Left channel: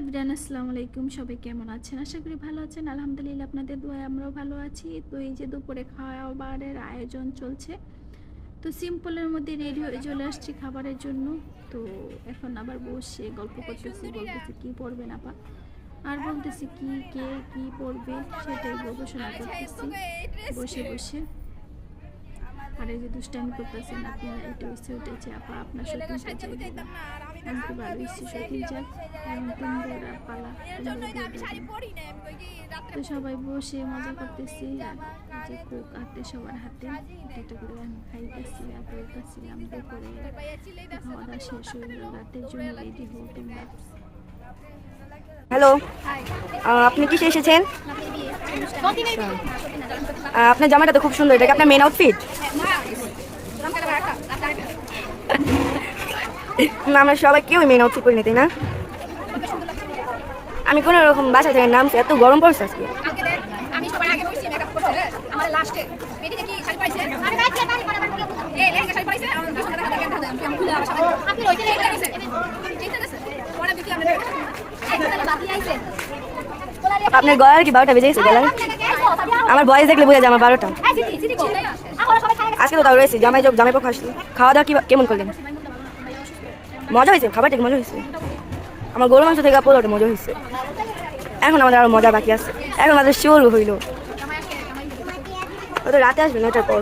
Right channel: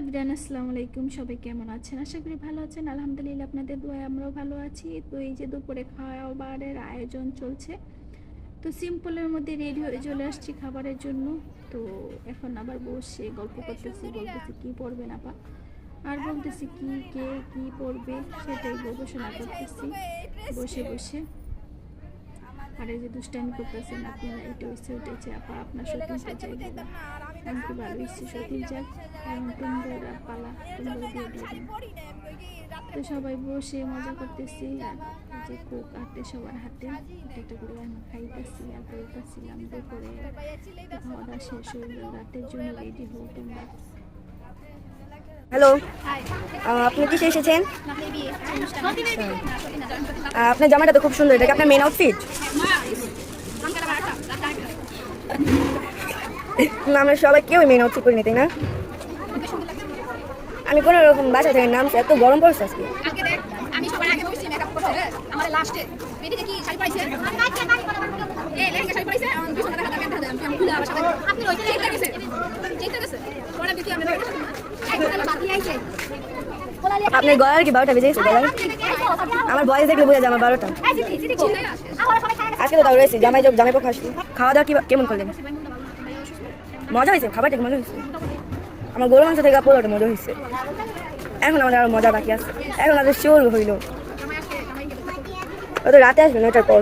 Everyone আসসালামু আলাইকুম। সবাই কেমন আছেন? আশা করি ভালো আছেন। আলহামদুলিল্লাহ, আপনাদের দোয়ায় আমরাও ভালো আছি। তো এই যে দুপুরে খাবারের আয়োজন চলছে, তো সিম্পলের মধ্যে রেডি হয়ে চলে আসছি খাবারের জন্য। তো এখন আবার বসে গল্প করতেছি, বলতেছি কি পড়বেন আপা, আর বলতেছি কে কি পড়বে সেটাই গবেষণা করতেছি বসে বসে। আর এই যে দুষ্টামি করতেছেন আপনারা, এটা হচ্ছে ওটা হচ্ছে আপা আপনার শপিং চাই, আমি তো ভালো হচ্ছে শপিং চাই, এখন তোমরা পালা তোমরা দিয়ে দিবেন। তো সবাই বসে মজা করতেছি, আর যে কোক হাতে সবার হাতে এটা করে আমি খাইতেছি আর বলতেছিলাম দুপুরে খাওয়া দাওয়া শেষ হয়ে রাতের জন্য রেডি হও তোমরা। হ্যালো, আপনি কিসে এসেছেন? আপনার জামাটা তো খুব সুন্দর, এটা কি আপনার মেন আউটফিট? না, আমরা সবাই কেউ মেন আউটফিট করি না, তাই না? আমি কোনো রকম বাসা থেকে নামছি, এত গরম পড়ছে আজকে। আপনার গলার কি 12টা বেজে গেছে? গলার আমার বয়স দেখলে বোঝা যায় আমার 12টা। আজকে তো তাও রয়েছে জামাই পক্ষ আসলে। খাওয়া দাওয়া কেমন করলেন? মজা হয়েছে, খাবারটা মজা হয়েছে। আমার গরু মাংস থেকে পোলাওটা মজা হয়েছে। এখন আমাদের আরো মজা বাকি আছে, এখন আমাদের শিওর হইল। রাতে আসবেন 9টার পর।